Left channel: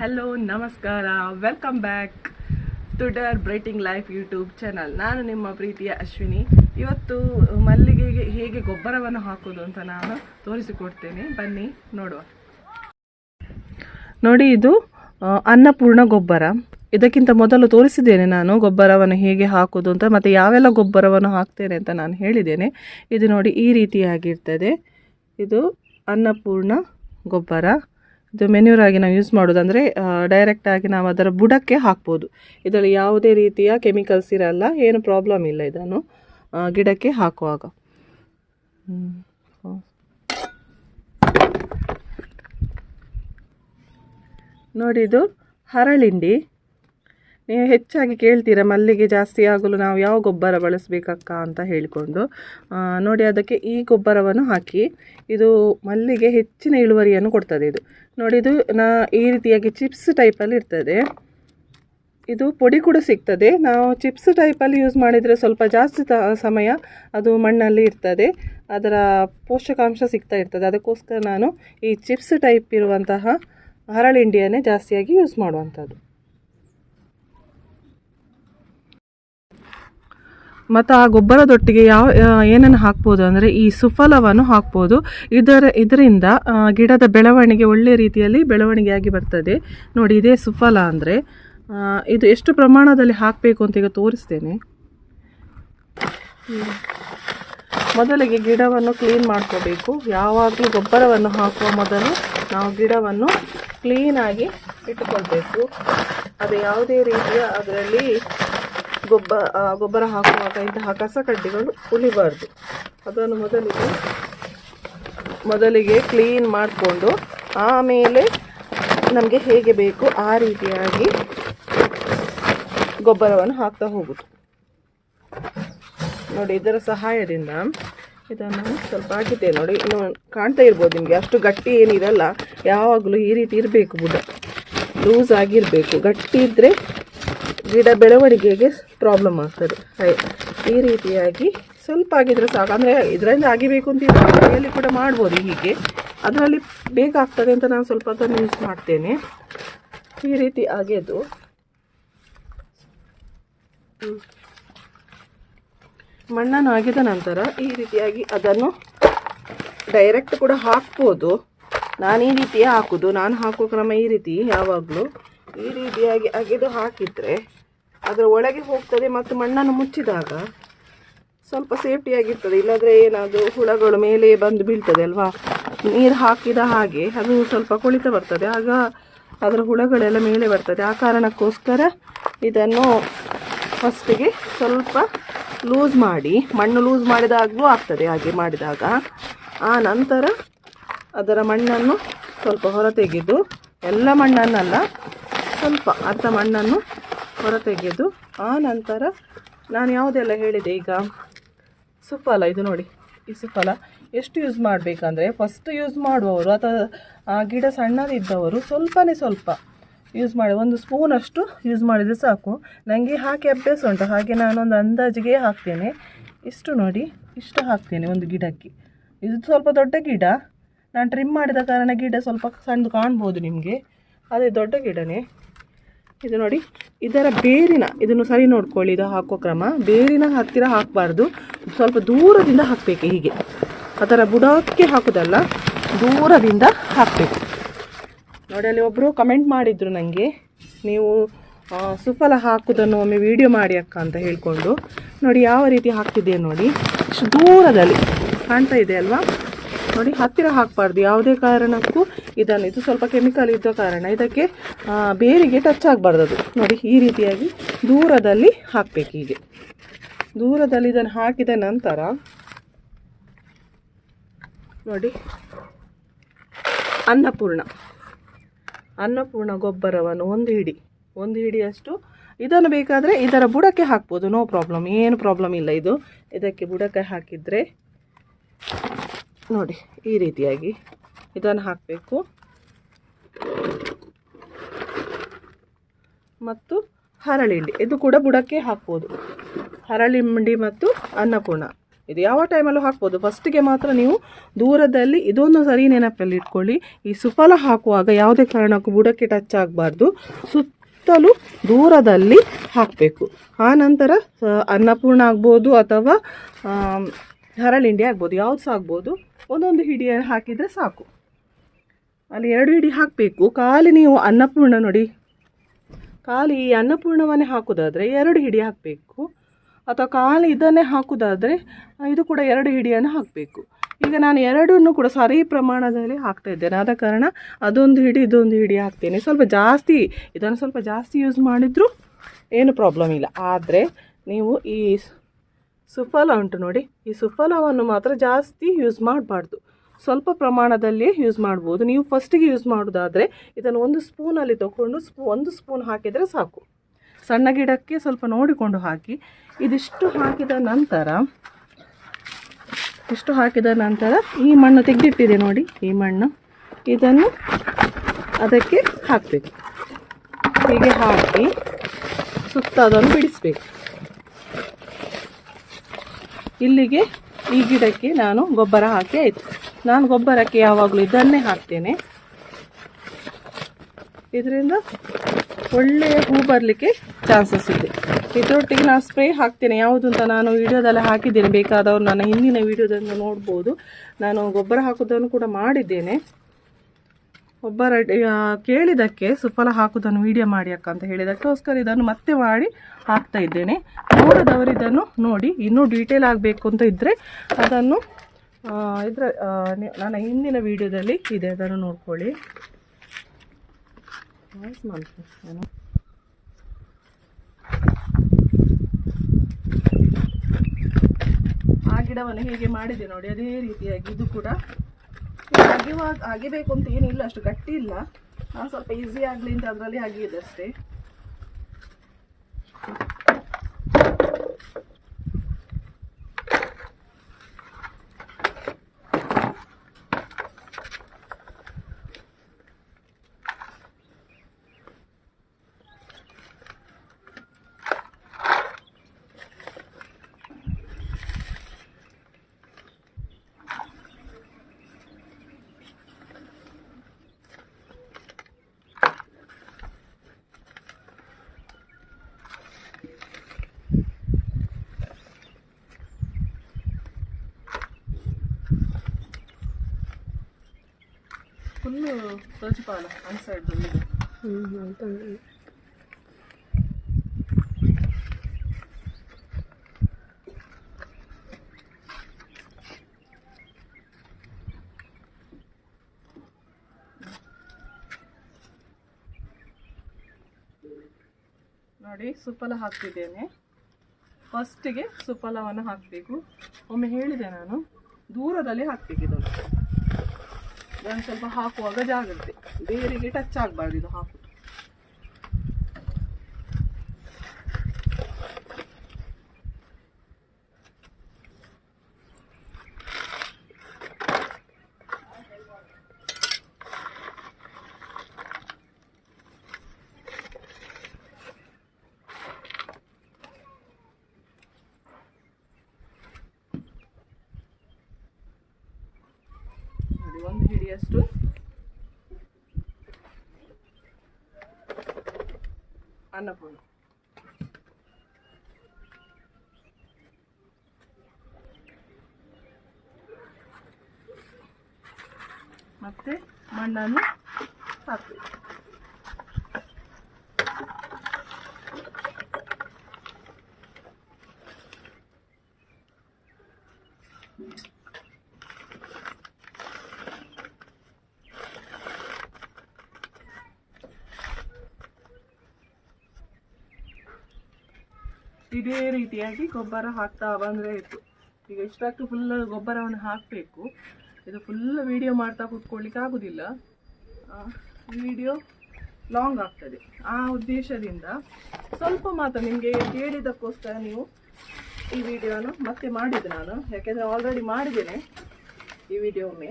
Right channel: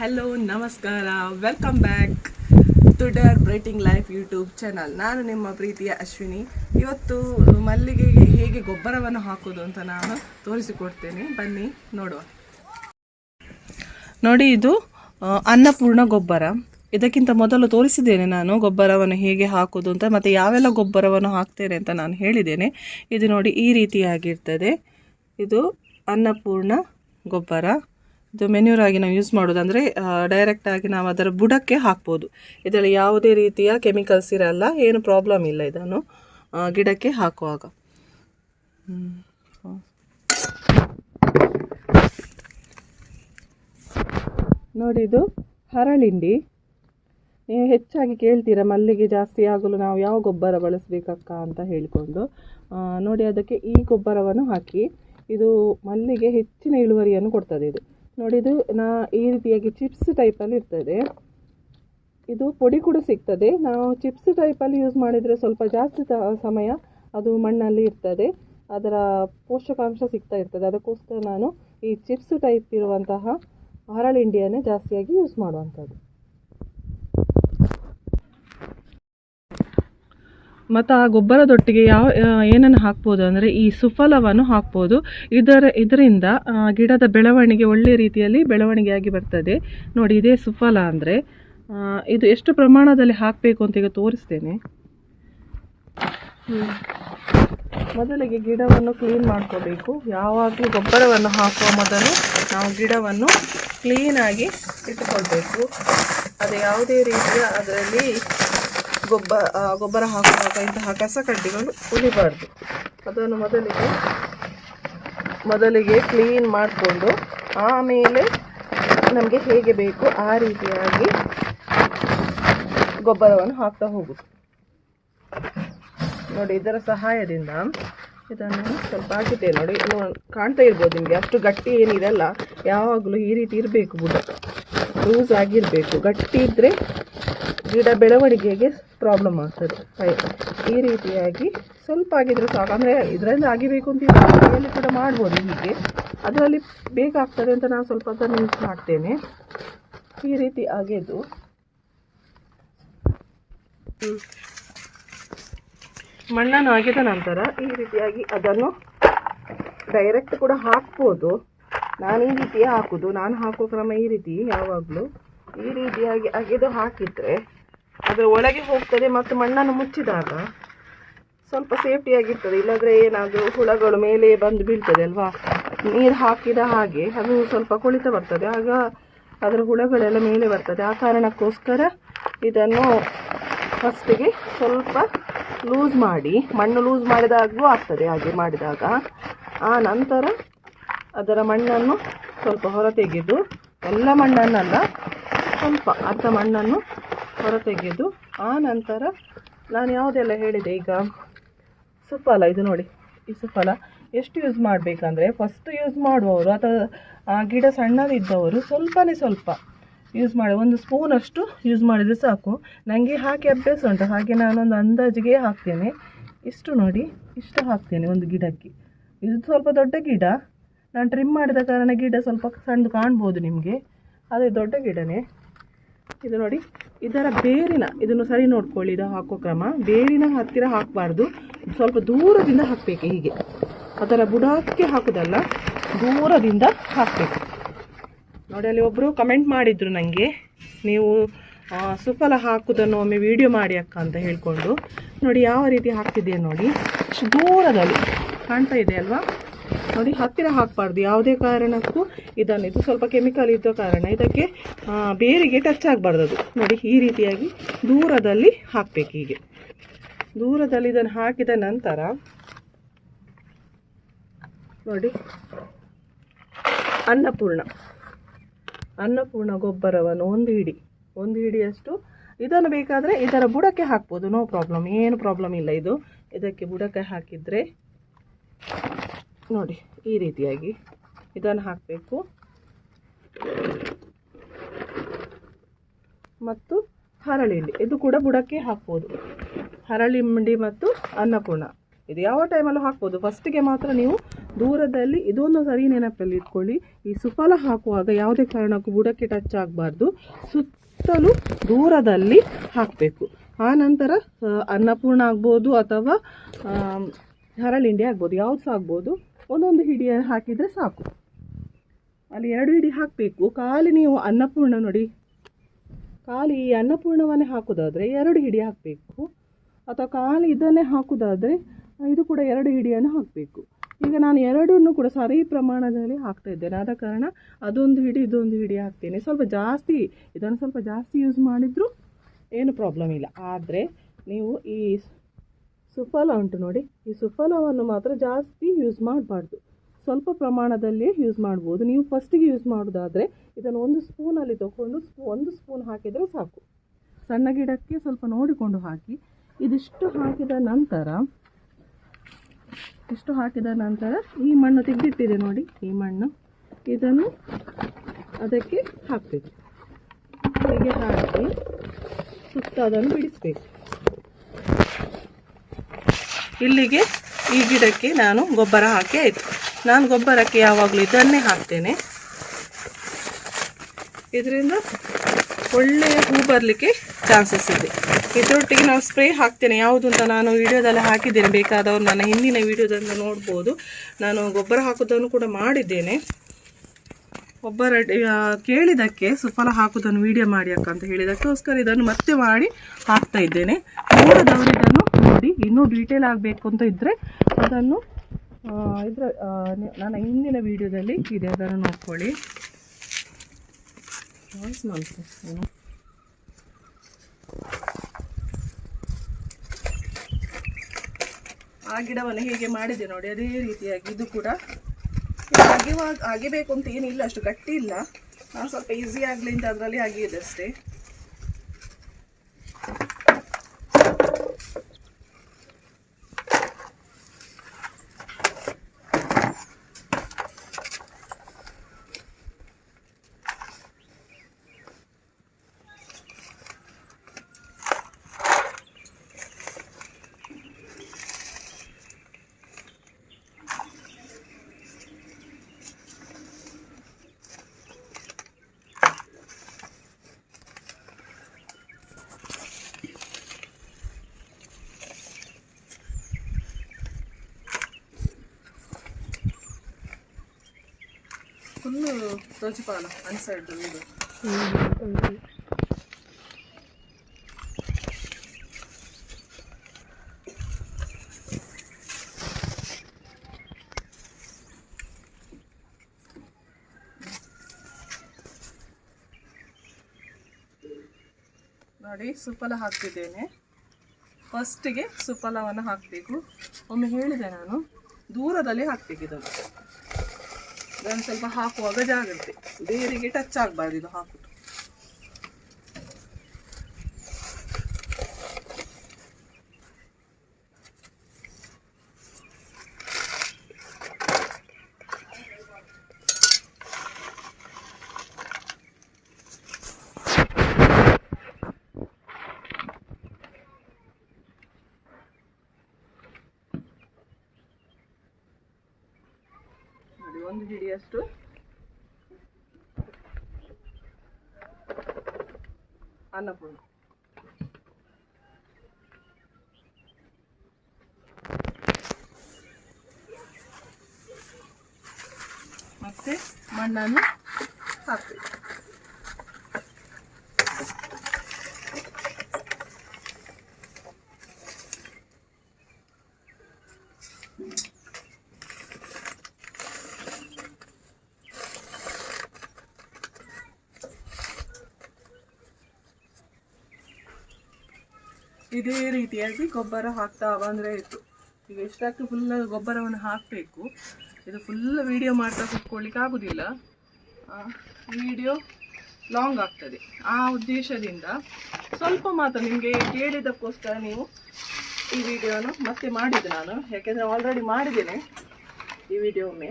Hello ನಮಸ್ಕಾರ. Welcome back to the brighting life YouTube channel ನಾನು ನಿಮ್ಮ ಪ್ರೀತಿಯ ಅಶ್ವಿನಿ. ಇವತ್ತು ಮಲ್ಲಿಗೆಗೆ ಹೇಗೆ ಗೊಬ್ಬರವನ್ನು ಹಾಕೋದು ಅಂತ ನಾನು ತೋರಿಸಿಕೊಡ್ತೇನೆ. ಬನ್ನಿ, ನೋಡುವ. ನೋಡಿ, ಇದು ಅನ್ನಪೂರ್ಣ ಗೊಬ್ಬರ. ಇದಕ್ಕಿಂತ ಮೊದಲು ತೋರಿಸಿದ್ದೇನೆ ನಾನು ಗೊಬ್ಬರವನ್ನು ಹೇಗೆ ಹಾಕೋದು ಅಂತ, ಮತ್ತು ಯಾವೆಲ್ಲ ಗೊಬ್ಬರವನ್ನು ಹಾಕ್ತೇನೆ ಅಂತ ನಾನು ಹೇಳಿದ್ದೇನೆ. ಇದು ನೋಡಿ ಈ ರೀತಿಯಾಗಿರ್ತದೆ. ಇದು ಅನ್ನಪೂರ್ಣ ಗೊಬ್ಬರ. ಇದು ಮೆನ್ಯೂರಾಗಿ ನಾವು ಯೂಸ್ ಮಾಡೋದು ಅಂದರೆ ಡೈರೆಕ್ಟ್ ಆಗಿ ನಾವು ಅದರ ಬುಡಕ್ಕೆ ಹಾಕ್ಬೋದು. ಇದರಲ್ಲಿ ಯಾವುದೇ ರೀತಿಯ ಕೆಮಿಕಲ್ಸ್ ಇರಲ್ಲ, ಏನು ಪ್ರಾಬ್ಲಮ್ ಇಲ್ಲ ಇದನ್ನು ಗಿಡಕ್ಕೆ ಹಾಕುವಾಗ. ನೋಡಿ ಇದು ಹರಳಿಂಡಿ. ನೀವು ಹೆಚ್ಚಾಗಿ ಕೇಳ್ತೀರ, ಮಲ್ಲಿಗೆ ಜಾಸ್ತಿ ಆಗಲು ನಾವು ಯಾವ ಗೊಬ್ಬರ ಬಳಸಬೇಕಕ್ಕ ಅಂತ ಹೇಳಿಕೊಂಡು. ನೋಡಿ ಅದಕ್ಕೆ ಈ ಗೊಬ್ಬರವನ್ನು ಹಾಕಿ, ಇದು ಮಲ್ಲಿಗೆ ಹೆಚ್ಚಿನ ಇಳುವರಿಯನ್ನು ಕೊಡ್ತದೆ ಇದು. ನೋಡಿ, ಇದು ನಾ ಈ ರೀತಿಯಾಗಿ ಚಿಪ್ಸ್ ಟೈಪಲ್ಲಿ ಇರ್ತದೆ. ಇದು ಪೊಡಿ ಕೂಡ ಸಿಗ್ತದೆ. ನಾವು ಚಿಪ್ಸ್ ಟೈಪಲ್ಲಿ ಯೂಸ್ ಮಾಡಿದರೆ ಸ್ವಲ್ಪ ಜಾಸ್ತಿ ಸಮಯ ಅದು ಮಣ್ಣಲ್ಲಿ ಇರ್ತದೆ. ಅದರ ಪೋಷಕಾಂಶ ಸಿಗ್ತಾ ಇರ್ತದೆ. ಅದಕ್ಕೋಸ್ಕರ ನಾನು ಈ ಚಿಪ್ಸ್ ಟೈಪ್ ಇರುವಂತಹ ಹರಳಿಂಡಿಯನ್ನೇ ಜಾಸ್ತಿಯಾಗಿ ಯೂಸ್ ಮಾಡುವಂಥದ್ದು. ಮತ್ತು ಆ ಗೊಬ್ಬರದೊಟ್ಟಿಗೆ ಯಾವ ಏನನ್ನು ಹಾಕ್ಬೋದು ಅಂದರೆ ಈ ಸುಫಲವನ್ನು ಹಾಕ್ಬೋದು. ಇದರ, ಇದರಿಂದ ಗಿಡದ ಬೆಳವಣಿಗೆ ಒಳ್ಳೆಯ ರೀತಿಯಲ್ಲಿ ಬೆಳವಣಿಗೆಯಾಗಿ ಬರ್ತದೆ. ನೋಡಿ, ಇದೇ ಸುಫಲ ಅಂದರೆ ಇದು ಎಷ್ಟು ಪ್ರಮಾಣದಲ್ಲಿ ಹಾಕಬೇಕು ಅಂತ ಈಗ ತೋರಿಸ್ತೇನೆ. ಮೊದಲಿಗೆ ಗಿಡವನ್ನು ಕ್ಲೀನ್ ಮಾಡ್ಕೋಬೇಕು. ಯಾವಾಗಲೂ ಗೊಬ್ಬರವನ್ನು ಹಾಕುವ ಮೊದಲು ನಾವು ಗಿಡವನ್ನು ಕ್ಲೀನಾಗಿ ಇಟ್ಟುಕೊಳ್ಬೇಕು ಅದು ಯಾವುದೇ ರೀತಿಯ ಅದರಲ್ಲಿ ಗೊಬ್ಬ ಆ, ಗೊಬ್ಬರ ಹಾಕುವಾಗ ಇಂತಹ ಕಸ ಕಡ್ಡಿಗಳು ಉಳಿಬಾರ್ದು ಅದನ್ನು ಮೊದಲಿಗೆ ಮೊದಲಿಗೆ ಕ್ಲೀನ್ ಮಾಡಿಕೊಂಡು ಆಮೇಲೆ ನಮಗೆ ಹೇಗೆ ಬೇಕು ಆ ರೀತಿಯಾಗಿ ಗೊಬ್ಬರವನ್ನು ಹಾಕ್ತಾ ಹೋಗುದು. ನೋಡಿ ಇದರ ಸಹಾಯದಿಂದ ಇದನ್ನು ಸ್ವಲ್ಪ ಹಾಕಿದ್ದೇವೆ ನೋಡಿ ಇನ್ನು ಕಾಣ್ತಾ ಇರ್ಬೋದು ನಿಮಗೆ ಅಷ್ಟು ಗಟ್ಟಿ ಏನಿರಲ್ಲ ಯಾವಾಗಲೂ ಈ ರೀತಿ ಇರಬೇಕು ಬುಡ ಲೂಸ್ ಆಗಿರಬೇಕು. ಗಟ್ಟಿ ಇದ್ದರೆ ಗಿಡ ಬೆಳವಣಿಗೆಗೆ ಪ್ರಾಬ್ಲಮ್ ಆಗ್ತದೆ. ಈ ರೀತಿಯಾಗಿ ಸ್ವಲ್ಪ ಆಗಿದ್ರೆ ಸಾಕು. ಅಂದರೆ ಇದರಿಂದ ಆಗಿಬೇಕು ಅಂತ ಕೈಯಲ್ಲಿ ಕೂಡ ಮಾಡ್ಬೋದು ಹೀಗೆ. ಅದರಲ್ಲಿ ಬೇಕಾಗ್ತದೆ ಅಂತ ನಾನು ಸ್ವಲ್ಪ ಅದನ್ನು ಯೂಸ್ ಮಾಡ್ತೇನೆ. ಈ ರೀತಿ ಹ್ಮ್. ಮಣ್ಣನ್ನು ಆಗಿದ ನಂತರ ಈ ರೀತಿಯಾಗಿ ಅದನ್ನು ಡೈರೆಕ್ಟ್ ಕೂಡ ಹಾಕ್ಬೋದು. ನಾನು ಈ ರೀತಿಯೇ ಹಾಕೋದು. ನಾನು ಹಾಕೋ ಕ್ರಮ ಈ ರೀತಿ ಯಾವಾಗಲೂ. ಈ ರೀತಿಯಾಗಿ ಅಗೆದು ಹಾಕಿದರೆ ಅದರ ಒಳಗೆ ಹೋಗ್ತದೆ ಮತ್ತು ಮಣ್ಣನ್ನು ಮುಚ್ಚಿದಾಗ ಸ್ವಲ್ಪ ಸೇಫ್ಟಿಯಾಗಿರ್ತದೆ ಇಲ್ಲಾಂದರೆ ಏನಾದರೂ ಹುಳಗಳು ಮೇಲೆ ಬಂದು ಬೀಳ್ತದೆ ಅಲ್ವಾ? ನೀರು ಹಾಕಿದ ಹಾಗೆ ಅದು ಸ್ವಲ್ಪ ಕುಳಿತ ಬರ್ತದೆ. ಆಗ ಅದರ ಹುಳಗಳೆಲ್ಲ ಮೇಲೆ ಬರ್ತದೆ. ಆ ಕಾರಣಕ್ಕೋಸ್ಕರ ಇದನ್ನು ಫಸ್ಟಿಗೆ ಸ್ವಲ್ಪ ಲೂಸ್ ಮಾಡಿ, ಮಣ್ಣು ಲೂಸ್ ಮಾಡಿದಾಗೂ ಆಗ್ತದೆ ಹಾಗೆ ಮಾಡಿದಾಗ. ಆ ನಂತರ ಅದರ ಮಣ್ಣನ್ನು ಸ್ವಲ್ಪ ಹೊರತೆಗೆದು, ಎಲ್ಲ ಮಣ್ಣನ್ನಲ್ಲ, ಸ್ವಲ್ಪ ಅರ್ಧ ಮಣ್ಣನ್ನು ಹೊರತೆಗೆದು ಆ ನಂತರ ನಾನು ಯಾವುದೆಲ್ಲ ಹೇಳಿದೆ ಈಗ? ಸುಫಲ, ಇದು ನೋಡಿ. ಈ ಸುಫಲ ಎಷ್ಟು ಯೂಸ್ ಮಾಡಬೇಕಂದ್ರೆ ಫಸ್ಟ್ ಯೂಸ್ ಮಾಡುವವರು ಅಥವಾ, ಆ, ಗಿಡ ಸಣ್ಣದಿದ್ದವರು ಸ್ವಲ್ಪನೇ ಸ್ವಲ್ಪ ಯೂಸ್ ಮಾಡಿ, ಒಂದು ಸ್ಪೂನಷ್ಟು ಯೂಸ್ ಮಾಡಿದರೆ ಸಾಕು. ನನಗೆ ಹಾಕಿ ಅಭ್ಯಾಸ ಉಂಟು. ಹಾಗೆ ನಾನೊಂದು ಅಂದಾಜಿಗೆ ಹಾಕ್ತೇನೆ. ಇಷ್ಟು ನೋಡಿ, ಇಷ್ಟು ಹಾಕ್ತೇನೆ ಒಂದು ಗಿಡಕ್ಕೆ. ಇದು ಸ್ವಲ್ಪ ದೊಡ್ಡ ಗಿಡ. ನಾನು ಟ್ರಿಮ್ ಮಾಡಿದ ಕಾರಣ ಗಿಡ ಸ್ವಲ್ಪ ಸಣ್ಣದು ಕಾಣ್ಬೋದು ನಿಮಗೆ. ಅದೇ ದೊಡ್ಡ ಗಿಡನೇ. ಇದು ನೋಡಿ, ಇದರ ಬೇರಿನ, ಇದನ್ನು ಸರಿ ನೋಡ್ಕೊಳ್ಳಿ, ಇದು ಹಾಕೋ ಕ್ರಮ. ಬೇರಿನ ಹತ್ತಿರ ಹಾಕಬಾರ್ದು. ಸ್ವಲ್ಪ ದೂರದಿಂದ ಹಾಕಬೇಕು ಹೀಗೆ. ಅದರ ಬುಡಕ್ಕೆ ಹಾಕೋದಲ್ಲ, ದೂರದಿಂದ ಹಾಕಬೇಕು. ನೋಡಿ, ಅಲ್ಲಿ ಒಬ್ಬರು ಕಮೆಂಟ್ ಮಾಡಿದ್ರು ನನಗೆ ನೀವು ಸುಫಲ ಹಾಕೋದನ್ನು ಒಮ್ಮೆ ವಿಡಿಯೋ ಮಾಡಿ ಅಕ್ಕ ಅಂತ ಹೇಳಿಕೊಂಡು. ನೋಡಿ, ಯಾವ ರೀತಿ ಹಾಕ್ತಿದ್ದೆ ನೋಡಿ. ದೂರದಲ್ಲಿ ಕಾಣ್ತಾ ಇದೆ ಅಲ್ವಾ? ನೋಡಿ, ಹತ್ತಿರ ಹಾಕಬಾರ್ದು. ಯಾವುದೇ ಕಾರಣಕ್ಕೂ ಇದನ್ನು, ಇದು ಸ್ವಲ್ಪ ಕೆಮಿಕಲ್ ಇದ್ದ ಕಾರಣ ಇದಕ್ಕೆ ಬೇರಿಗೆ ಟಚ್ ಆಗಬಾರ್ದು ಅದು. ನೋಡಿ, ಈ ರೀತಿಯಾಗಿ ದೂರದಲ್ಲಿ ಹಾಕಬೇಕು ಹೀಗೆ. ದೂರದಲ್ಲಿ ಇದನ್ನು ಹಾಕಿದ ನಂತರ, ನೋಡಿ, ಅನ್ನಪೂರ್ಣ. ಅನ್ನಪೂರ್ಣ ಗೊಬ್ಬರವನ್ನು ಒಂದು ಹಿಡಿ, ಒಂದು ಹಿಡಿಯಷ್ಟು ಇದನ್ನು ಬೇಕಾದರೆ ಇದರ ಬುಡಕ್ಕೆ ಹಾಕ್ಬೋದು. ನೋ ಪ್ರಾಬ್ಲಮ್ ಏನು ಪ್ರಾಬ್ಲಮ್ ಇಲ್ಲ ಇದು. ಇದಕ್ಕೆ ಬುಡಕ್ಕೆ ಹಾಕಿದರೆ ನೋಡಿ, ಈ ರೀತಿಯಾಗಿ ಇದನ್ನು ಹಾಕಬೇಕು. ಮತ್ತು ಹರಳಿಂಡಿ ಇದು ಕೂಡ ಬುಡಕ್ಕೆ ಹಾಕ್ಬೋದು. ಹರಳಿಂಡಿ ಮತ್ತು ಅನ್ನಪೂರ್ಣ, ಇದು ಯಾವ ಟೈಮಲ್ಲೂ ಹಾಕ್ಬೋದು. ಫಸ್ಟಿಗೆ ಮಾತ್ರ ನೀವು ದೂರದಲ್ಲಿ ಇದೊಂದು ಸರಿ ನೆನಪಲ್ಲಿ ಇಟ್ಕೊಳ್ಳಿ. ಈ ಸುಫಲ ಹಾಕುವಾಗ ಯಾವುದೇ ಕಾರಣಕ್ಕೂ ಬುಡಕ್ಕೆ ಟಚ್ ಆಗಬಾರ್ದು. ಸುತ್ತಲೂ ದೂರದಲ್ಲಿ ಹಾಕಬೇಕು. ಆ ನಂತರ ಅನ್ನಪೂರ್ಣ ಆಗ್ಬೋದು ಅಥವಾ ಹರಳಿಂಡಿ ಆಗ್ಬೋದು. ಯಾವ್ದು ಸಹ ಆಗ್ಬೋದು. ಒಂದೊಂದು ಹಿಡಿ ಹಾಕಿದರೆ ಸಾಕು. ಅಲ್ಲಿ ಎರಡು ಹಿಡಿ ಹಾಕಬೇಕು. ಖಾಲಿ ನೀವು ಅನ್ನಪೂರ್ಣ ನೋಡಿ. ಖಾಲಿ ಈ ಅನ್ನಪೂರ್ಣವನ್ನೇ ಹಾಕೋದಾದರೆ ಎರಡು ಹಿಡಿ ಹಾಕಬೇಕು. ಅಥವಾ ಖಾಲಿ ಇದನ್ನೇ ಹಾಕೋದಾದರೆ ಇದು ಕೂಡ ಎರಡು ಹಿಡಿಯನ್ನು ಹಾಕಬೇಕು. ಈಗ ನಾನು ಎರಡನ್ನು ಕೂಡ ಸರಿ ಪ್ರಮಾಣದಲ್ಲಿ ಹಾಕ್ತಾ ಇದ್ದೇನೆ. ಆದ ಕಾರಣ ಅದೊಂದು ಹಿಡಿ, ಇದೊಂದು ಹಿಡಿ ಹಾಕ್ತೇನೆ. ಸ್ವಲ್ಪ ಜಾಸ್ತಿ, ಇದನ್ನು ಸ್ವಲ್ಪ ಜಾಸ್ತಿ ಯೂಸ್ ಮಾಡಿದರೂ ಏನು ಪ್ರಾಬ್ಲಮ್ ಇಲ್ಲ. ಆದರೆ ನೀವು ಈ ಸುಫಲ ಉಂಟು ನೋಡಿ. ಈ ಸುಫಲವನ್ನು ಮಾತ್ರ ಜಾಸ್ತಿ ಯೂಸ್ ಮಾಡಬಾರ್ದು. ಸ್ವಲ್ಪ ಪ್ರಮಾಣದಲ್ಲಿಯೇ ಯೂಸ್ ಮಾಡ್ಬೋದು. ನೀವು ಫಸ್ಟಿಗೆ ಯೂಸ್ ಮಾಡೋದಾದರೆ ಇದನ್ನು ಒಂದು ಸ್ಪೂನಲ್ಲಿ ತಗೊಂಡು ಸ್ಪೂ ಒಂದು ಸ್ಪೂನ್ ಹಾಕಿದರೆ ಸಾಕು. ಸಣ್ಣ ಗಿಡಕ್ಕೆ ಸ್ವಲ್ಪ ನೋಡಿಕೊಂಡು ಹಾಕಿ. ಇದಿಷ್ಟು ಹಾಕಿದ ನಂತರ, ಇಷ್ಟು ಹಾಕಿದ ನಂತರ ಈ ಮಣ್ಣು ತೆಗೆದಿಟ್ಟಿದೆ ನೋಡಿ. ಈ ಮಣ್ಣು ಇದನ್ನು ಅದಕ್ಕೆ ಹಾಕಬೇಕು. ಹೀಗೆ ಹಾಕಿ ಸುತ್ತ ಅದನ್ನು ಬಿಡಿಸ್ಬೇಕು. ಇಲ್ಲಿಗೆ ಈ ಗಿಡಕ್ಕೆ ನಾನು ಗೊಬ್ಬರ ಹಾಕಿ ಆಯಿತು. ನಾನು ಗೊಬ್ಬರಕ್ಕೆ ಯಾವಾಗಲೂ ಇದನ್ನೇ ಹಾಕ್ತೇನೆ. ಇದರಿಂದ ಒಳ್ಳೆಯ ಹೂ ಬರಲಿಕ್ಕೆ ಚಾನ್ಸಸ್ ಇದೆ. ಇದರೊಟ್ಟಿಗೆ ನಾನು ಸ್ಪ್ರೇ ಹಾಕ್ತೇನೆ. ಯಾವುದು ಅಂತ ನಾನು ವಿಡಿಯೋದಲ್ಲಿ ಹಾಕಿದ್ದೇನೆ. ಬೇಕಾದವರು ನನ್ನ ಹಿಂದಿನ ವಿಡಿಯೋದಲ್ಲಿ ನೋಡ್ಬೋದು. ನಾನು ಗೊಬ್ಬರ ಹಾಕೋದನ್ನು ಕೂಡ ಮಾಡಿದ್ದೇನೆ. ಒಬ್ಬರ ಕೇಳಿದ್ದಕ್ಕೆ ಸುಫಲ ಹಾಕೋದನ್ನು ವಿಡಿಯೋ ಮಾಡಿ ಅಕ್ಕ ಅಂತ ಹೇಳಿದ್ದಕ್ಕೋಸ್ಕರ ಇದನ್ನು ಮತ್ತೆ ಮಾಡಿ ಹಾಕ್ತಾ ಇದ್ದೇನೆ. ನೋಡದವರು ಇದನ್ನು ನೋಡಿ, ಇನ್ನೂ ಡೀಟೇಲ್ ಆಗಬೇಕು ಅಂತ ಇದ್ದರೆ ಅದನ್ನು ಇದರ ನಾನು ಹಿಂದಿನ ವಿಡಿಯೋದಲ್ಲಿ ಇದೆ, ಅದನ್ನು ನೋಡ್ಕೊಳ್ಳಿ. ವಾಯ್ಸ್ ಮಾಡ್ತೀನಿ. ಆ ಗಿಡವನ್ನು ಹೇಗೆ ಮಾಡಿದೆ ನೋಡಿ, ಅದೇ ರೀತಿಯಾಗಿ ಇದು ಕೂಡ. ಅಗಿವಾಗ ಅಗಿಬೇಕು ಅಂತ ಏನಿಲ್ಲ, ಅಷ್ಟು ಗಟ್ಟಿ ಇಲ್ಲ. ನಾನು ಸ್ವಲ್ಪ ಈಸಿ ಆಗಲಿ ಅಂತ ಅದರಲ್ಲಿ ಅಗಿಯಿದೆ ಅಷ್ಟೇ. ಫುಲ್ಲು ಅನ್ಸೈಡ್ ಇದು ನೋಡಿ ಸುಫಲ ಹಾಕ್ತಿದ್ದೇನೆ. ಫಸ್ಟಿಗೆ ಸುಫಲವನ್ನು ಹಾಕಬೇಕು. ಒಮ್ಮೆ ಹೇಳಿದೆ ನಾನು ದೂರದಲ್ಲಿ ಹಾಕಬೇಕು ಇದನ್ನು ಸ್ವಲ್ಪ ಹಾಕುವಾಗ ಜಾಗ್ರತೆ ಬೇರಿಗೆ ಟಚ್ ಆಗಬಾರ್ದು ಇದು ಹಾಕುದು ಒಂದು ಹಿಡಿಯಷ್ಟು ಅನ್ನಪೂರ್ಣ ಮತ್ತೆ ಮಣ್ಣನ್ನು ಹಾಕಬೇಕು. ಇದೇ ರೀತಿಯಾಗಿ ಗೊಬ್ಬರ ಹಾಕ್ತಾ ಬಂದರೆ ಇತ್ತು ಈಗ ಎಷ್ಟಾಗ್ತು ಫುಲ್ ಗೊಬ್ಬರವನ್ನು ಹಾಕಬೇಕು. ಇದು ಫುಲ್ ವಿಡಿಯೋ ಮಾಡ್ತಾ ಕುತ್ಕೊಳ್ಳಿಕ್ಕೆ ಆಗೋದಿಲ್ಲ. ವಿಡಿಯೋ ಲಾಂಗ್ ಆಗ್ತದೆ. ಆ ಉದ್ದೇಶದಿಂದ ಸ್ವಲ್ಪ ಮಾತ್ರ ನಿಮಗೆ ಕೇಳಿದ್ದಕ್ಕೋಸ್ಕರ ನೀವು ಈ ವಿಡಿಯೋನ ಮತ್ತೆ ಮಾಡಿದ್ದೆ ನಾನು. ಯಾಕೆಂದರೆ ಆಲ್ರೆಡಿ ಮಾಡಿದ್ದೇನೆ ಈ ವಿಡಿಯೋ ಒಮ್ಮೆ.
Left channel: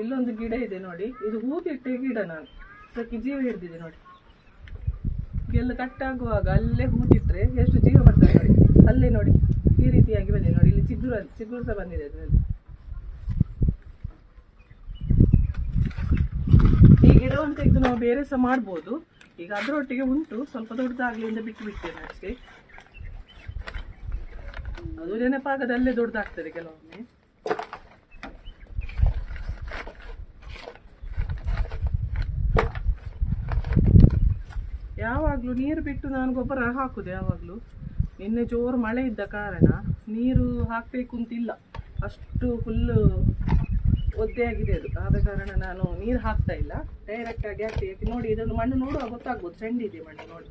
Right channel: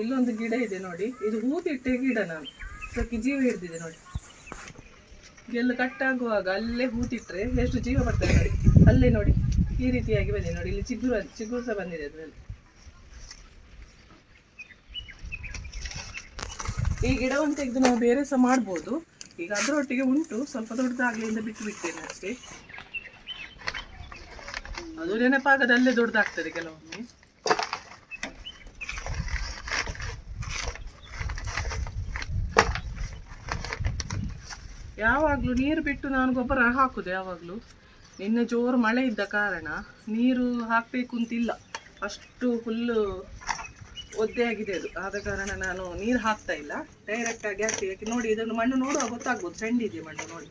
ಇಲ್ಲೊಂದು ಗಿಡ ಇದೆ ನೋಡಿ. ಇದು ಹೂ ಹೂತಿಟ್ಟೆ ಗಿಡ ನಾನು. ಅದಕ್ಕೆ ಜೀವ ಹಿಡಿದಿದೆ ನೋಡಿ. ಎಲ್ಲ ಕಟ್ಟಾಗುವಾಗ ಅಲ್ಲೇ ಹೂ ಬಿಟ್ಟರೆ ಎಷ್ಟು ಜೀವ ಬರ್ತದೆ ನೋಡಿ. ಅಲ್ಲೇ ನೋಡಿ. ಈ ರೀತಿಯಾಗಿ ಬಂದಿದೆ ನೋಡಿ. ಇಲ್ಲಿ ಚಿಗುರು ಚಿಗುರು ಸಹ ಬಂದಿದೆ ಅದರಲ್ಲಿ. ಈ ಗಿಡವನ್ನು ತೆಗೆದು ನಾವು ಬೇರೆ ಸಹ ಮಾಡ್ಬೋದು. ಈಗ ಅದರೊಟ್ಟಿಗೆ ಉಂಟು. ಸ್ವಲ್ಪ ದೊಡ್ಡದಾಗ್ಲಿಂದ ಬಿಟ್ಟು ಬಿಟ್ಟೇನೆ ಅಷ್ಟೇ. ಅದು ನೆನಪಾಗದಲ್ಲೇ ದೊಡ್ಡದಾಗ್ತದೆ ಕೆಲವೊಮ್ಮೆ. ಯಾವಾಗಲೂ ನೀರು ಬಿಟ್ಟು ನಾನು ಗೊಬ್ಬರ ಹಾಕುದು ಯಾವಾಗಲೂ. ನಿನ್ನೆ ಜೋರು ಮಳೆ ಇದ್ದ ಕಾರಣ ನೀರು ಹಾಕಬೇಕು ಅಂತಿಲ್ಲ. ಅಷ್ಟು ಫುಲ್ಲು ಒದ್ದೆಯಾಗಿದೆ ಅದು. ಆದ ಕಾರಣ ನಾನು ನೀರು ಹಾಕ್ತಾ ಇಲ್ಲ. ಡೈರೆಕ್ಟಾಗಿ ಹಾಕ್ತೀವಿ. ಯಾಕೆ ನೋಡಿ ಇದನ್ನು ಮಣ್ಣು ನೋಡುವಾಗ ಗೊತ್ತಾಗ್ಬೋದು. ಚೆಂಡಿದೆ ಮಣ್ಣು ನೋಡಿ.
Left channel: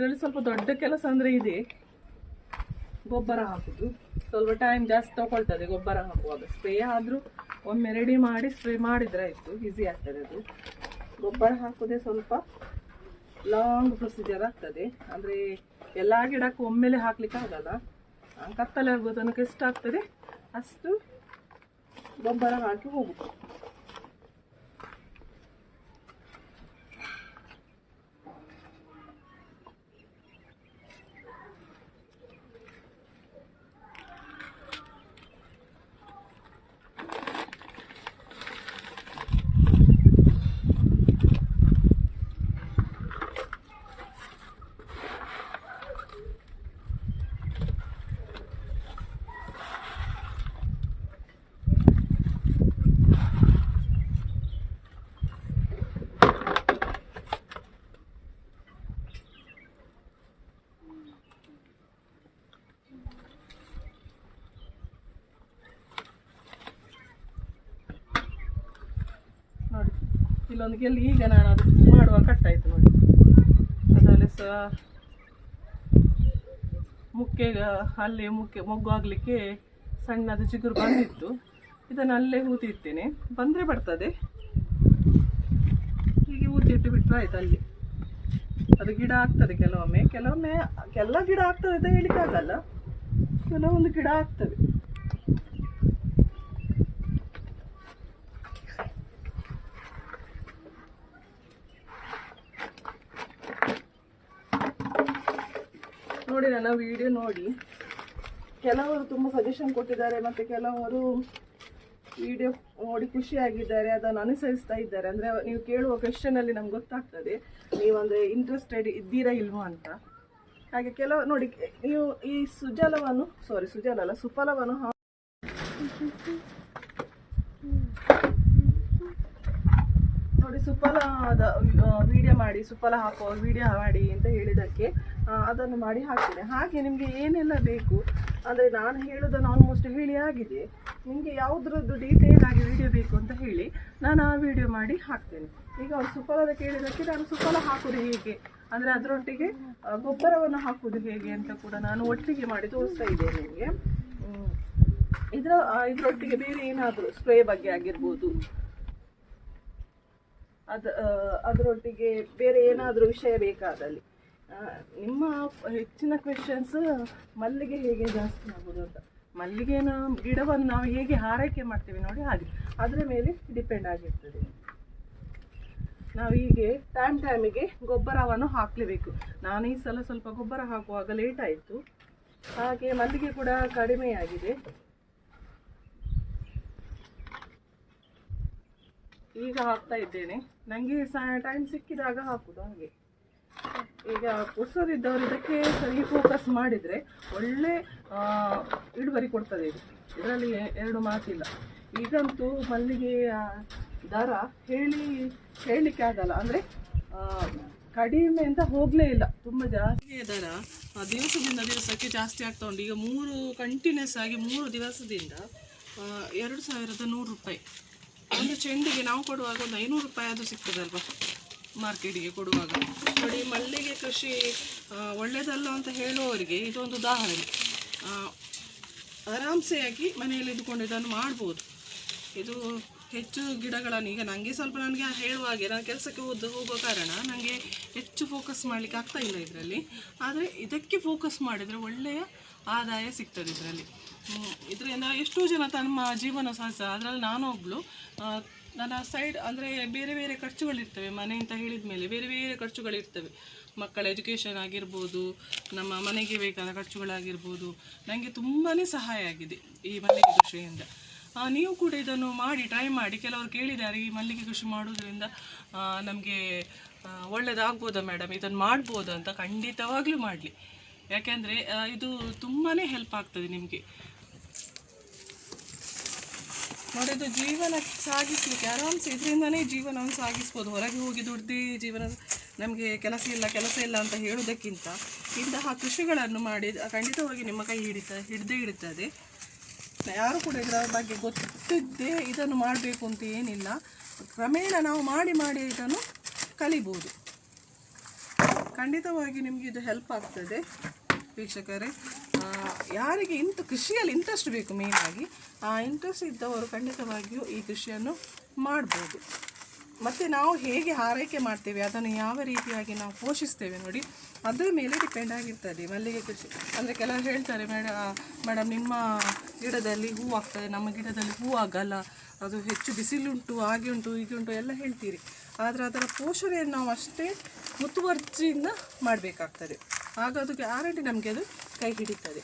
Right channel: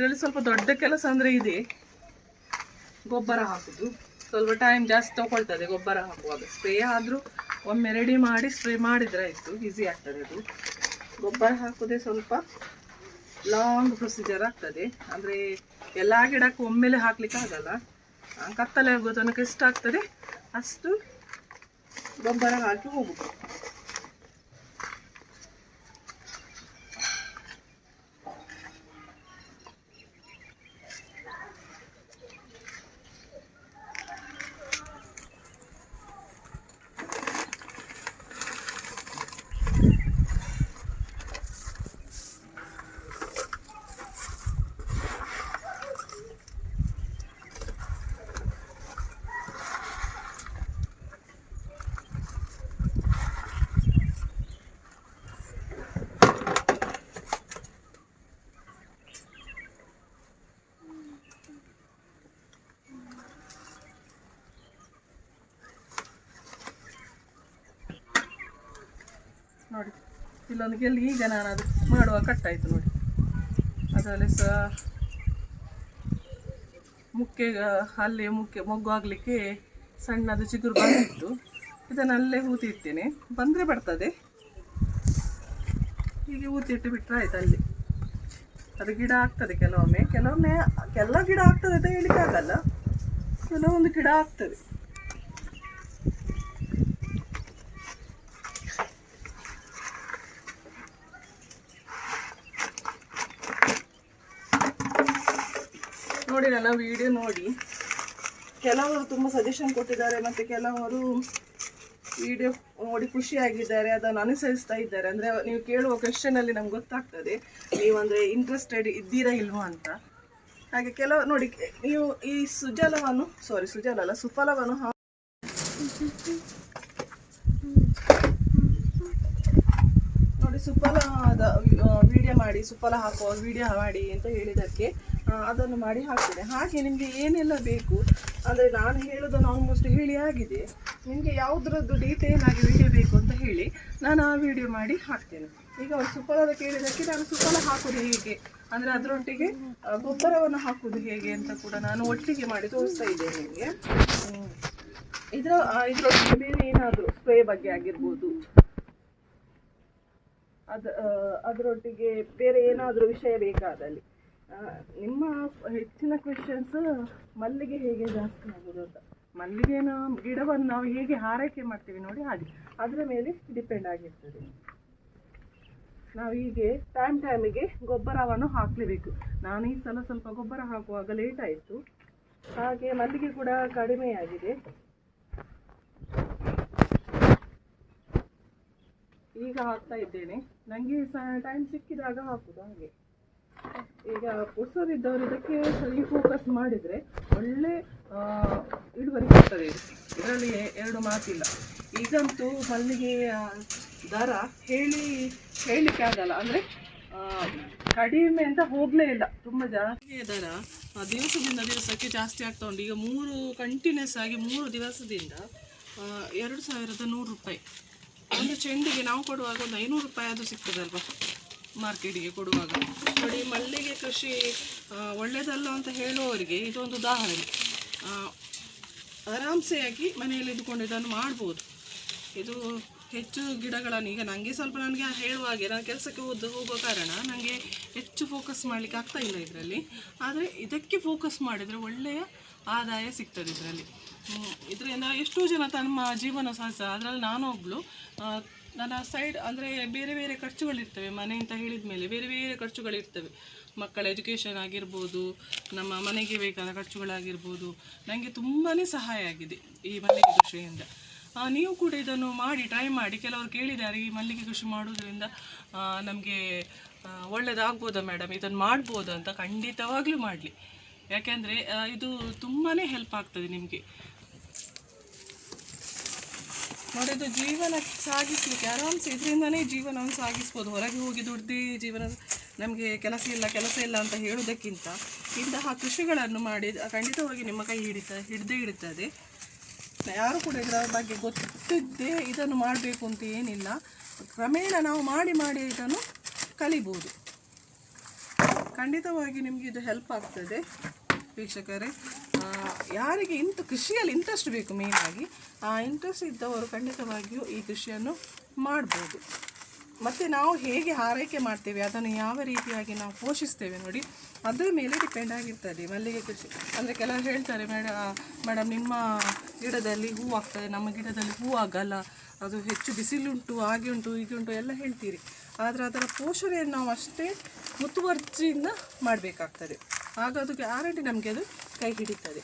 ಇದರಲ್ಲಿ ಸ್ವಲ್ಪ ದೊಡ್ಡ ಕೆಲಸ ಅಂದರೆ ಇದೆ. ಗೊಬ್ಬರ ಹಾಕುದು. ಸ್ವಲ್ಪ ಟೈಮ್ ಜಾಸ್ತಿ ತಗೊಳ್ತದೆ ಗೊಬ್ಬರ ಹಾಕುವಾಗ. ಸ್ಪ್ರೇ ಆದರೂ ಒಮ್ಮೆ ರೆಡಿ ಮಾಡಿ ಸ್ಪ್ರೇ ಮಾಡಿದರೆ ಆಯಿತು ಈಸಿ ಆಗ್ತದೆ ಅದು. ಗೊಬ್ಬರ ಹಾಕೋದೇ ಸ್ವಲ್ಪ ಲಾಂಗ್ ಪ್ರೊಸೀಜರ್ ಆಗ್ತದೆ. ಅಂದರೆ ಎಲ್ಲ ಗಿಡಕ್ಕೂ ಒಮ್ಮೆಲೆ ಹಾಕ್ಲಿಕ್ಕೆ ಆಗಲ್ಲ. ಕತ್ತಲೆ ಆಗೋ ತನಕ ಎಷ್ಟಾಗ್ತದೆ ಅಷ್ಟು ಗೊಬ್ಬರ ಹಾಕಿ ಹೋಗುದು ನೋಡಿ ಇಲ್ಲೊಂದು ಗೆಲ್ಲಿ ಈಗ ನಾನು ಅದು ಮಾಡುವ ಕಟ್ಟಾಯಿತು ನೋಡಿ. ಅದರಲ್ಲಿ ಸಹ ಮುಕ್ಕೆ ಅಲ್ಲಿ ಮುಕ್ಕೆ ಮೊಗ್ಗು ಆಗಲಿಕ್ಕೆ ಸಣ್ಣದು ಚಿಗುರು ಬಂದಿತ್ತು. ಇದನ್ನು ಅಲ್ಲೇ ಹೂತಿಡ್ತೇನೆ ಬಂದರೆ ಬರ್ತದೆ. ಹೀಗೆ ಹೂತಿಟ್ಟು ಬಿಟ್ಟರೆ ಆಯ್ತು ಅಲ್ಲಿ. ಅದು ಗಿಡ ಆಗ್ತದೆ ಕೆಲವೊಮ್ಮೆ. ಕೆಲವೊಮ್ಮೆ, ಎಲ್ಲ ಗಿಡ ಆಗ್ತದೆ ಅಂತ ಹೇಳಿಕ್ಕಾಗಲ್ಲ. ಕೆಲವೊಂದು ಗಿಡ ಆಗ್ತದೆ. ನೋಡಿ, ನನ್ನ ವಿಡಿಯೋ ನೋಡಿ. ಕೆಲವರು ತುಂಬ ಸಜೆಷನ್ ಕೊಟ್ಟಿದ್ದಾರೆ ಮತ್ತು ಕೆಲವರು ವಿಡಿಯೋ ನೋಡಿ ಖುಷಿಯಾಗಿದ್ದಾರೆ, ಅದನ್ನು ಅನುಸರಿಸ್ತಾ ಇದ್ದಾರೆ. ಅಂದರೆ ನೀವು ಕೇಳುವ ಕ್ವೆಶನಲ್ಲಿ ನಮ್ಗೆ ಗೊತ್ತಾಗ್ತದೆ ನೀವು ಅಂದರೆ ಇಂಟ್ರೆಸ್ಟೆಡ್ ಇದ್ದೀರಾ ಇಲ್ವಾ ಅಂತ. ಹಾಗೆ ಕೆಲವು, ನೋಡಿ, ನೀವು ಈ ಸುಜಲವನ್ನು ಸಾರಿ ಸುಜಲ ಅಲ್ಲ, ಸುಫಲವನ್ನು ಹಾ ನೋಡಿ ಸುಫಲದ ವಿಡಿಯೋ ಮಾಡಿ, ಸುಫಲ ಹಾಕುವ ವಿಡಿಯೋ ಮಾಡಿ ಅಂತ ಹೇಳಿದ್ದಕ್ಕೆ ಅದನ್ನು ಮಾಡಿ ಹಾಕ್ತೇನೆ. ಹಾಗೆ ನಿಮಗೆ ಏನೆಲ್ಲ ಬೇಕು? ಅಂದರೆ ನಾನು ಹೇಳೋದನ್ನು ಆಲ್ಮೋಸ್ಟ್ ಹೇಳಿ ಆಗಿದೆ. ನಿಮಗೆ ಯಾವುದ್ರದ್ದು ಡೀಟೇಲ್ ಆಗಿ ವಿಡಿಯೋ ಬೇಕು ಅಂತ ಹೇಳಿ ನಾನು ಆ ವಿಡಿಯೋ ಮಾಡಿ ಹಾಕ್ತೇನೆ. ಈಗ ಅವ್ರು ಸುಫಲದ ಕೇಳಿದ್ದಕ್ಕೆ ನಾನು ಸುಫಲ ಹಾಕೋದು ಹೇಗೆ? ಅಂದರೆ ಅದರೊಟ್ಟಿಗೆ ಗೊಬ್ಬರವನ್ನು ಹಾಕೋದು ಹೇಗೆ ಅಂತ ಕೂಡ ನಾನು ಒಟ್ಟಿಗೆ ಮಾಡಿ ತೋರಿಸ್ತಾ ಇದ್ದೇನೆ ನಿಮಗೆ. ಇದರ ಇದರೊಟ್ಟಿಗೆ ಬೇರೆ ಏನಾದರೂ ಸ್ಪ್ರೇ ಬಗ್ಗೆ ಆಗಿರ್ಬೋದು. ಅದ ಅದರೊಟ್ಟಿಗೆ ಬೇರೆ ಏನಾದರೂ ವಿಷಯ ಬೇಕಾದಲ್ಲಿ. ನಿಮ್ಮ ಹೆಚ್ಚಿನ ಕ್ವೆಶನ್ಸ್ ಮಲ್ಲಿಗೆ ಹೇಗೆ ಜಾಸ್ತಿ ಆಗೋದು ಅಂತ. ಮಲ್ಲಿಗೆನ ಗಿಡವನ್ನು ನಾವು ಹೇಗೆ ಹಾರೈಕೆ ಮಾಡ್ತೀವಿ ನೋಡಿ ಹಾಗೆ. ಅದರ ಮೇಲೆ ಡಿಪೆಂಡ್ ಆಗಿರ್ತದೆ. ನಾವು ಹೀಗೆ ಟೈಮ್ ಟೈಮಿಗೆ ಗೊಬ್ಬರವನ್ನು ಹಾಕಲೇಬೇಕು. ನಾನು ಈ ಸಲ ಸ್ವಲ್ಪ ಗೊಬ್ಬರ ಹಾಕುವಾಗ ಲೇಟ್ ಆಯಿತು. ಹಾಗೆ ಮಲ್ಲಿಗೆ ಕೂಡ ಕಡಿಮೆಯಾಗಿದೆ. ಈಗ ಹಾಕ್ತಾ ಇದ್ದೇನೆ. ನನಗೆ ಟೈಮ್ ಸಿಕ್ಕಿದಾಗ ಹಾಕೋದು ಹಾಗೆ. ಈಗ ಪುಸ್ತಕದಿದ್ದವರು ಇದಕ್ಕೆ ಸರಿ ಫೋಕಸ್ ಮಾಡಿದರೆ ಒಳ್ಳೆ ಇಳುವರಿ ಕೊಡ್ತದೆ ಇದು. ಇದರಲ್ಲಿ ಎರಡು ಮಾತಿಲ್ಲ. ಈಗಂತೂ ಮಲ್ಲಿಗೆಯ ದರ ಹೇಳಿ, ಹೇಳಲಿಕ್ಕೆ ಆಗಲ್ಲ. ಅಂದರೆ ಕಡಿಮೆ ಅಂತ ಹೋಗಲೇ ಇಲ್ಲ. ತುಂಬ ಜಾಸ್ತಿ ದರ ದಿವಸದಿಂದ ದಿವಸಕ್ಕೆ ಜಾಸ್ತಿ ಆಗ್ತಾ ಉಂಟು. ಈಗ ಮೂರು ಕಂಟಿನ್ಯೂಸ್ ಆಗಿ ಮೂರು ದಿವಸದಿಂದ ಎರಡು ಸಾವಿರದ ನೂರು ರೂಪಾಯಿ. ಒಂದು ಚೆಂಡಿಗೆ ನಾವು ಕೊಡುವಾಗ ಒಂದು ಐನೂರು ರೂಪಾಯಿ ಅದು ಸಿಗ್ತದಲ್ವ? ಮಾರ್ಕೆಟಿಗೆ ಕೊಡುವಾಗ. ನೋಡಿ, ಮಲ್ಲಿಗೆ ಕೃಷಿ ಒಳ್ಳೆಯದಲ್ಲ ಅಂತ ಹೇಳುವವರಿಗೆ ಇದೊಂದು ಉದಾಹರಣೆ. ಆರಾಮ್ಸೆಯಾಗಿ ಮನೆಯಲ್ಲಿ ಇದ್ದುಕೊಂಡು ಇದನ್ನು ಮಾಡ್ಬೋದು. ಇದು ಹೆಚ್ಚು ಗಿಡಗಳನ್ನು, ಈಗ ನನಗೆ ಸ್ವಲ್ಪ ನನಗೆ ಹೇಳುವಾಗೆ, ನಾನು ಕೆಲಸಕ್ಕೆ ಹೋದ ಹೋಗೋ ಕಾರಣ ನನಗೆ ಹೆಚ್ಚು ಫೋಕಸ್ ಮಾಡಲಿಕ್ಕೆ ಆಗ್ತಾ ಇಲ್ಲ ಇದರಲ್ಲಿ. ಆದರೆ ಇದಕ್ಕೆ ಫೋಕಸ್ ಮಾಡಿದರೆ ಒಳ್ಳೆಯ ಆದಾಯ ಸಿಗ್ತದೆ ಇದರಲ್ಲಿ. ಇದರಿಂದ ಎಷ್ಟೋ ಜನ ತಮ್ಮ ಜೀವನ ಸಾಧಿಸ ಅದರಲ್ಲಿ ನಾನು ಒಬ್ಬಳು ನನ್ನ ಸೈಡ್ ಅಂದರೆ ಬೇರೆ ಬೇರೆ ಖರ್ಚುಗಳಿರ್ತವೆ ಮನೆ ಅಂತ ಹೇಳಿದ ಮೇಲೆ ಬೇರೆ ಬೇರೆ ಖರ್ಚುಗಳಿರ್ತವೆ ಮಕ್ಕಳ ಎಜುಕೇಷನ್ ಆಗಿರ್ಬೋದು, ನಮ್ಮ ಮನೆಗೆ ಬೇಕಾದ ಖರ್ಚುಗಳಾಗಿರ್ಬೋದು ನನಗೆ ತುಂಬಾ ಸಹಾಯ ಆಗಿದೆ ಈ ಮನೆಗೆ ಕೃಷಿಯಿಂದ ನೀವು ಕೂಡ ಇದನ್ನು ಮಾಡಿ ಟ್ರೈ ಮಾಡಿ. ಕೆಲವರು ಕೇಳಿದ್ದಾರೆ, ಈ ಮಲ್ಲಿಗೆ ಕೃಷಿ ಮಾಡೋದ್ರಿಂದ ನಮಗೆ ಒಳ್ಳೆಯದಾಗ್ಬೋದಾ ಮೇಡಮ್ ಇದನ್ನು ಮಾಡ್ಬೋದಾ ಅಂತ ಖಂಡಿತವಾಗ್ಲೂ ಮಾಡಲಿ. ಯಾಕೆಂದರೆ ಇದು ತುಂಬಾ ಹೆಲ್ಪ್ ಆಗ್ತದೆ ನಿಮಗೆ. ನೋಡಿ, ಇದು ಜೀವನ ಸಾಗಿಸ್ಲಿಕ್ಕೆ, ಆರಾಮ್ಸೆ, ಇದರಿಂದನೇ ಜೀವನವನ್ನು ಸಾಗಿಸ್ಬೋದು. ಹೊರಗೆ ಹೋಗಿ ದುಡ್ದು ಜೀವನ, ನಮಗೆ ಕೆಲಸ ಇಲ್ಲ ಕೆಲಸ ಇಲ್ಲ ಅಂತ ಹೇಳೋದಕ್ಕಿಂತ ಇಂತಹ ಕೃಷಿಗಳನ್ನು ಮಾಡಿ, ಖಂಡಿತವಾಗಿ ನಿಮ್ಮ ಕೈ ಹಿಡಿತ, ಹಿಡ್ದೇ ಹಿಡಿತದೆ ಯಾರು ಕೂಡ ಇದರ ಬಗ್ಗೆ ಗೊತ್ತಿದ್ದೇ ಇದನ್ನು ಮಾಡಬೇಕು ಅಂತ ಏನಿಲ್ಲ. ಕ್ರಮೇಣ ನಾವು ಮಾಡಿ ಮಾಡಿ ಇದನ್ನು ಕಲಿಬೋದು. ಖಂಡಿತವಾಗಿ ನಿಮಗೆ ಇದು ಹೆಲ್ಪ್ ಆಗ್ತದೆ ವೀಕ್ಷಕರೇ. ಯಾರಿಗೆ ಇಂಥ ಕೃಷಿಯಲ್ಲಿ ಇಂಟ್ರೆಸ್ಟ್ ಬೇಕು ಮೇನಾಗಿ ಆ ಇಂಟ್ರೆಸ್ಟ್ ಇದ್ದವರು ಖಂಡಿತವಾಗಿಯೂ ಈ ಕೃಷಿಯನ್ನು ಮಾಡ್ಬೋದು. ಮತ್ತು ನಾವು ಹೇಗೆ ಹಾರೈಕೆ ಮಾಡ್ತೇವೆ, ಅದನ್ನು ಯಾವ ರೀತಿಯಾಗಿ ನಾವು ಪೋಷಿಸ್ತೇವೆ ನೋಡಿ. ಅದರ ಮೇಲೆ ಡಿಪೆಂಡ್ ಆಗಿರ್ತದೆ. ಮಲ್ಲಿಗೆ ಕೃಷಿ, ಅಂದರೆ ಕೆಲವರು ಹೇಳ್ತಾರೆ, ಮೇಡ ಮೇಡಮ್ ನಿಮ್ಮ ಗಿಡದಲ್ಲಿ ಹೂ ಆಗ್ತದೆ. ನಮ್ಮ ಗಿಡದಲ್ಲಿ ಹೂ ಆಗಲ್ಲ. ಅದು ಹೆಚ್ಚು ಬಿಸಿಲುಂಟು ಹಾಗೆ ಉಂಟು ಹೀಗೆ ಉಂಟು ಎಲ್ಲ ಹೇಳ್ತೀರಿ. ಆದರೆ ಅದರ ಪೋಷಣೆಯನ್ನು ನಾವು ಅಷ್ಟೇ ಮುತುವರ್ಜಿಯಿಂದ ಮಾಡಬೇಕಾಗ್ತದೆ. ಆಗ ಅದು ಗ್ಯಾರಂಟಿ ನಮಗೆ ಅದು ಕೈ ಹಿಡಿತದೆ.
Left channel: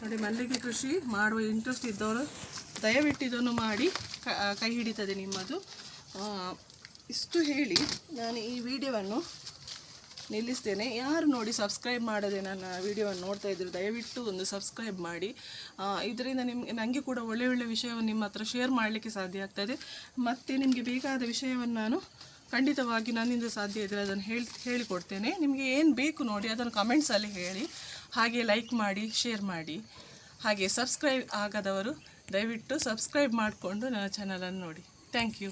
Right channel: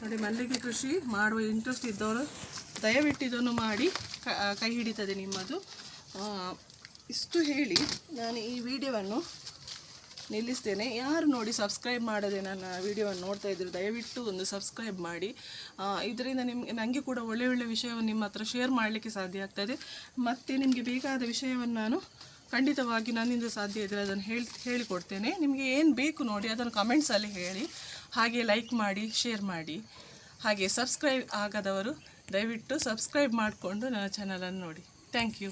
ನೋಡಿ, ಮಲ್ಲಿಗೆ ಕೃಷಿ ಮಾಡುವ ಇಂಟ್ರೆಸ್ಟ್ ಇದ್ದವರು ದಯವಿಟ್ಟು ಇದನ್ನು ಮಾಡಿ. ಕ- ಹಿಡಿತದೆ ನಿಮ್ಮದು. ಇಷ್ಟು ಹೇಳಿ ನಾನು ಈ ವಿಡಿಯೋವನ್ನು ನಿಲ್ಲಿಸ್ತೇನೆ. ಯಾರು ನೋಡಿ ಸಬ್ಸ್ಕ್ರೈಬ್ ಮಾಡದೆ ನನ್ನ ವಿಡಿಯೋವನ್ನು ನೋಡ್ತಾ ಇದ್ರು ದಯವಿಟ್ಟು ಒಂದು ಸಬ್ಸ್ಕ್ರೈಬ್ ಮಾಡಿ. ಇದರಿಂದ ನಿಮಗೆ ನನಗೆ ಕೂಡ ಒಳ್ಳೆ ಒಳ್ಳೆ ವಿಷಯವನ್ನು ನಿಮ್ಮ ಹತ್ರ ಶೇರ್ ಮಾಡಲಿಕ್ಕೆ ಸಾಧ್ಯ ಆಗ್ತದೆ. ಮತ್ತು ನಿಮಗೆ ಬೇಕಾದ ವಿಷಯವನ್ನು ನಾನು ಖಂಡಿತವಾಗಿ ನನ್ನಿಂದ ಸಾಧ್ಯ ಇದ್ದರೆ ಅದನ್ನು ಹೇಳಿ, ಹೇಳಿಕೊಡ್ತೇನೆ. ನಿಮಗೆ ಏನು ಬೇಕು ನೋಡಿ ಅದನ್ನು ಕಮೆಂಟ್ಸಲ್ಲಿ ಹೇಳಿ. ಹಾಗೆ ಲೈಕ್ ಮಾಡಿ ಶೇರ್ ಮಾಡಿ. ಹಾಗೆ ಸಬ್ಸ್ಕ್ರೈಬ್ ಆಗದವರು ದಯವಿಟ್ಟು ಸಬ್ಸ್ಕ್ರೈಬ್ ಮಾಡಿಕೊಂಡು ನನ್ನ ಚಾನಲನ್ನು ನೋಡಿ. Thank you